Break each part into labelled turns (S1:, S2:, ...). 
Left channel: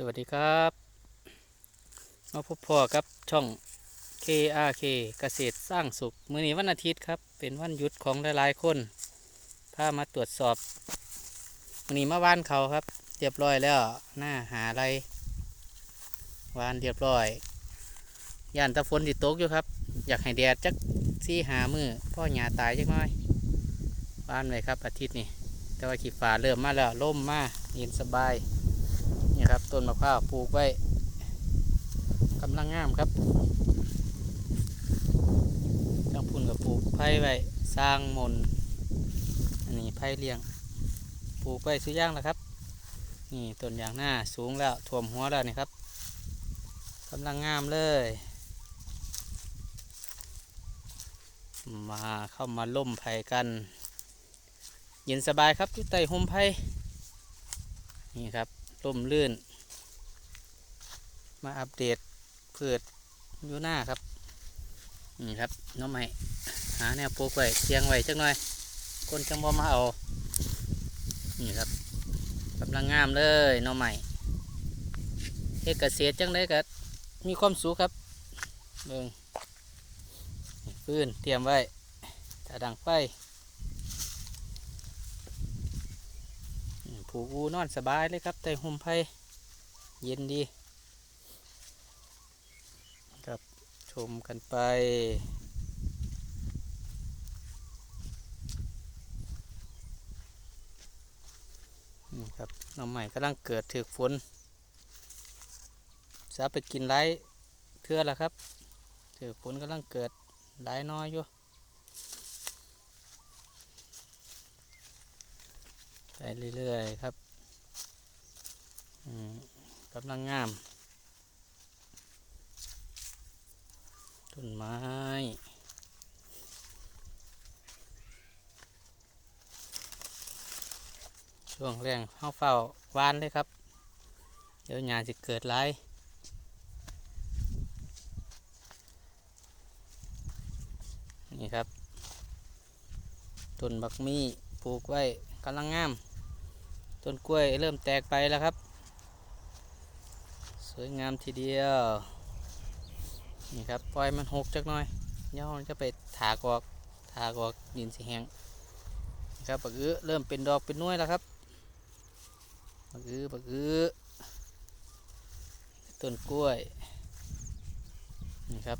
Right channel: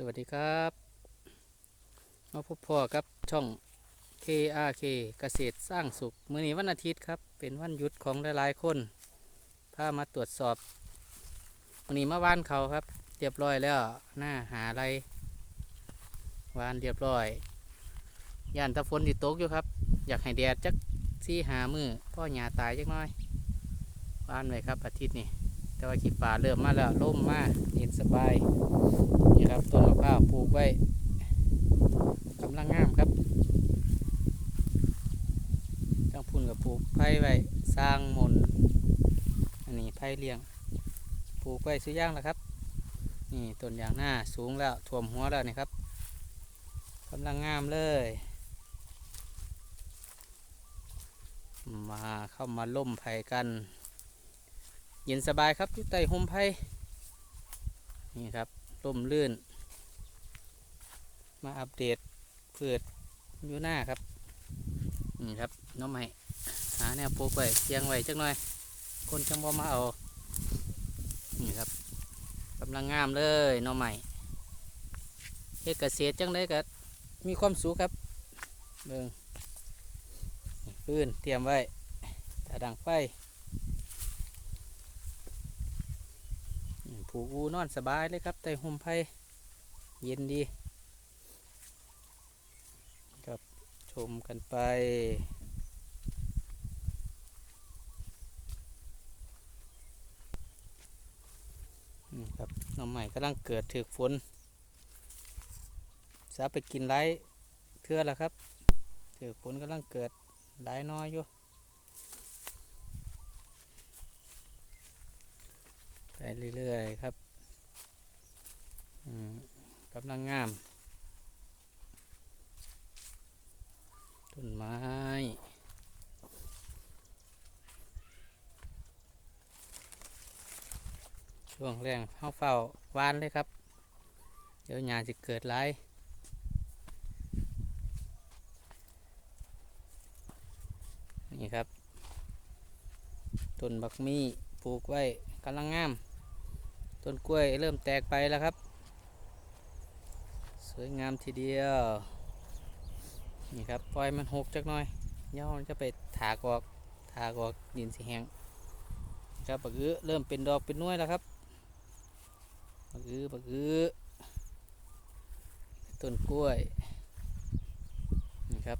S1: สวัสดีครับมาพบพ่อกับช่อง KRK เกษตรสร้างสุขมื้อนี้วันอาทิตย์ครับ เป็นวันหยุดของหลายๆคนพามาตรวจสอบมื้อนี้มาว่านเขาครับ เรียบร้อยแล้วหน้าหาอะไรวานเรียบร้อยย่านตะฝนติดตกอยู่ครับ อยากให้แดดจักซี่หามือพ่อหยาตายจักน้อยวานไว้ครับอาทิตย์นี้ แต่ว่าขีฟ้าเริ่มมาแล้วล่มมาเย็นสบายนี่ครับต้นมะพร้าวปลูกไว้กำลังงามครับจังพุ่นกับปลูกไผ่ไว้สร้างมนต์อันนี้ไผ่เลี้ยงปลูกไว้สุดย่างแล้วครับ นี่ต้นยางหน้าสูงแล้วท่วมหัวแล้วนี่ครับกำลังงามเลย มาเข้ามาล่มไผ่กัน เย็นสบายครับอยู่ใต้ห่มไผ่นี่ครับร่มรื่น มาอัปเดตเพืชอยู่หน้าครับนี่ครับน้องใหม่หาแนวปลูกไว้เชียงไว้จักหน่อย คนจังบ่มาเอานี่ครับกำลังงามเลยน้องใหม่เฮ็ดเกษตรจังได้ก็มีความสุขครับเบิ่งนี่ฟืนเตรียมไว้ถ้าดังไฟนี่ ผูกอูนอนสบายเลยครับใต้ห่มไผ่เย็นดีครับชมกันไปนี่ครับน้องใหม่กำลังเกิดถือฝนสาไปกินไรเทื่อแล้วครับถือฝนกำลังเกิดไรน้อยอยู่ไป เรื่อยๆครับกำลังงาม ต้นไม้ช่วงแรงเข้าเฝ้าวานเลยครับ เดี๋ยวหญ้าจะเกิดไรนี่ครับต้นบักมี่ปลูกไว้กำลังงาม ต้นกล้วยเริ่มแตกไปแล้วครับ สวยงามทีเดียว นี่ครับปล่อยมันหกจักหน่อยยวมันจะไปถากออกถากออกดินสีแห้งนี่ครับบักอื้อเริ่มเป็นดอกเป็นน้วยแล้วครับบักอื้อบักอื้อต้นกล้วยนี่ครับ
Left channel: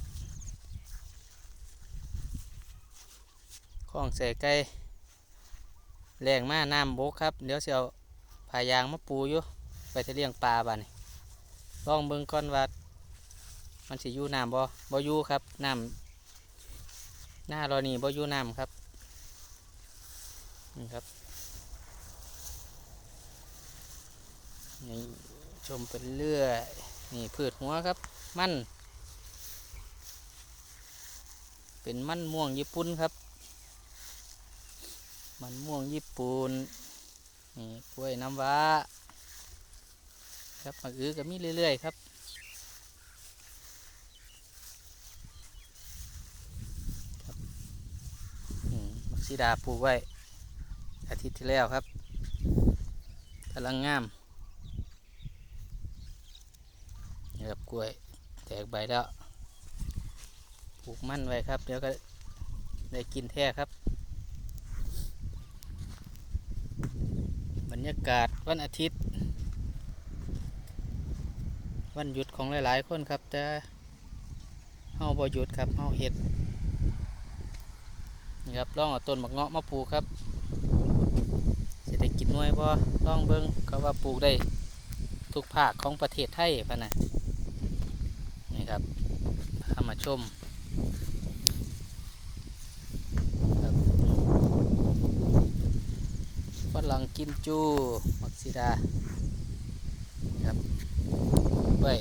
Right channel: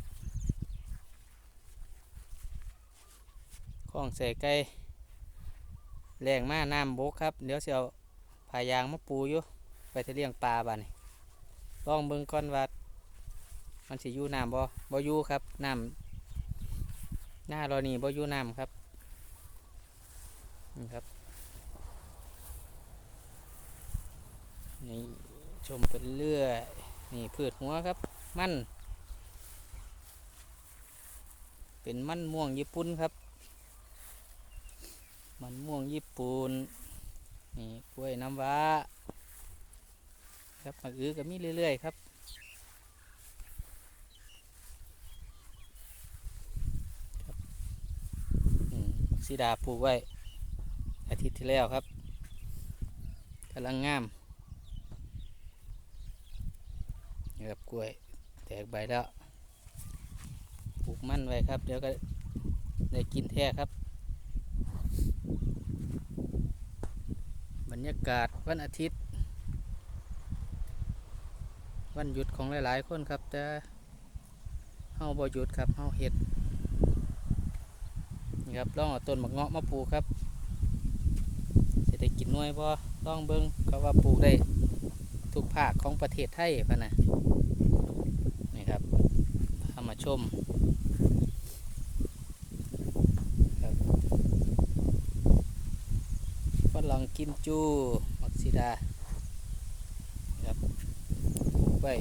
S1: ข้องใส่ไก่แรงมากน้ำบกครับ เดี๋ยวเสียว พายางมาปูอยู่ไปทะเลี้ยงปลาบ้านี่ลองเบิ่งก่อนว่ามันสิอยู่น้ำบ่บ่อยู่ครับน้ำหน้าเรานี่บ่อยู่น้ำครับนี่ครับนี่ชมไปเรื่อยนี่พืชหัวครับ มัน เป็นมันม่วงญี่ปุ่นครับ มันม่วงญี่ปุ่น นี่กล้วยน้ำว้า ครับมะอื้อก็มีเรื่อย ๆ ครับอืมบักซีดาปลูกไว้ อาทิตย์ที่แล้วครับกำลังงามนี่ครับกล้วยแตกใบแล้วปลูกมั่นไว้ครับ เดี๋ยวก็ได้กินแท้ครับ รรยากาศวันอาทิตย์ วันหยุดของหลายๆ คนครับ แต่เฮาบ่หยุดครับเฮาเฮ็ดนี่ครับลองเอาต้นมะเงาะมาปลูกครับจะได้กินหน่วยบ่ลองเบิ้งก็ว่าปลูกได้ทุกภาคของประเทศไทยพะนะนี่ครับพามาชมครับ ฝรั่งกิมจู มักซิดา ครับไว้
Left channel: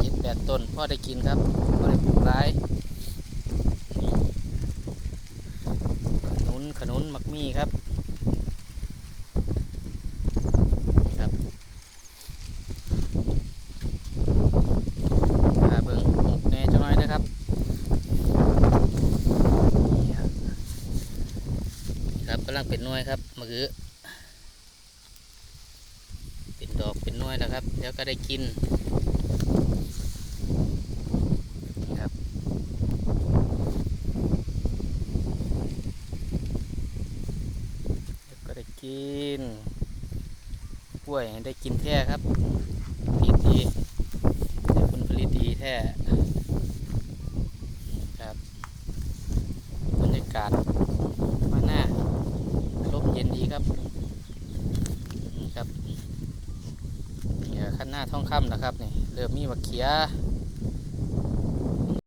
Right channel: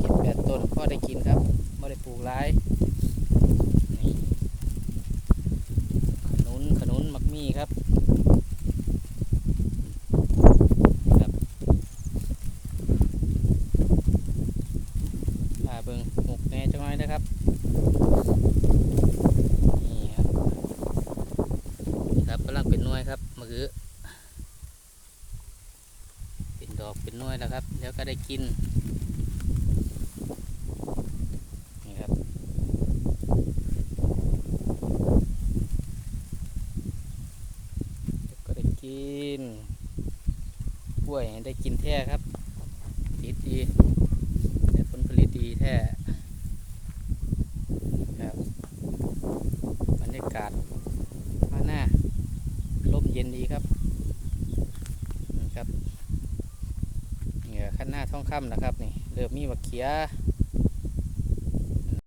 S1: เจ็ดแปดต้นพ่อได้กินครับพ่อได้ปลูกหลายขนุนขนุนมักมี่ครับครับพาเบิ่งหมกแน่จังน้อยนะครับครับกำลังเป็นน่วยครับมือ ดอกเป็นน่วยอยแล้วครับเดี๋ยวก็ได้กินนะครับ ก็ได้กินกล้วยได้กินแท้ครับดีดีเดี๋ยผลผลิตดีแท้ครับบรรยากาศมาหน้าลมเย็นดีครับนะครับ คันหน้าท่องค่ำนะครับนี่เริ่มมีบักเขีย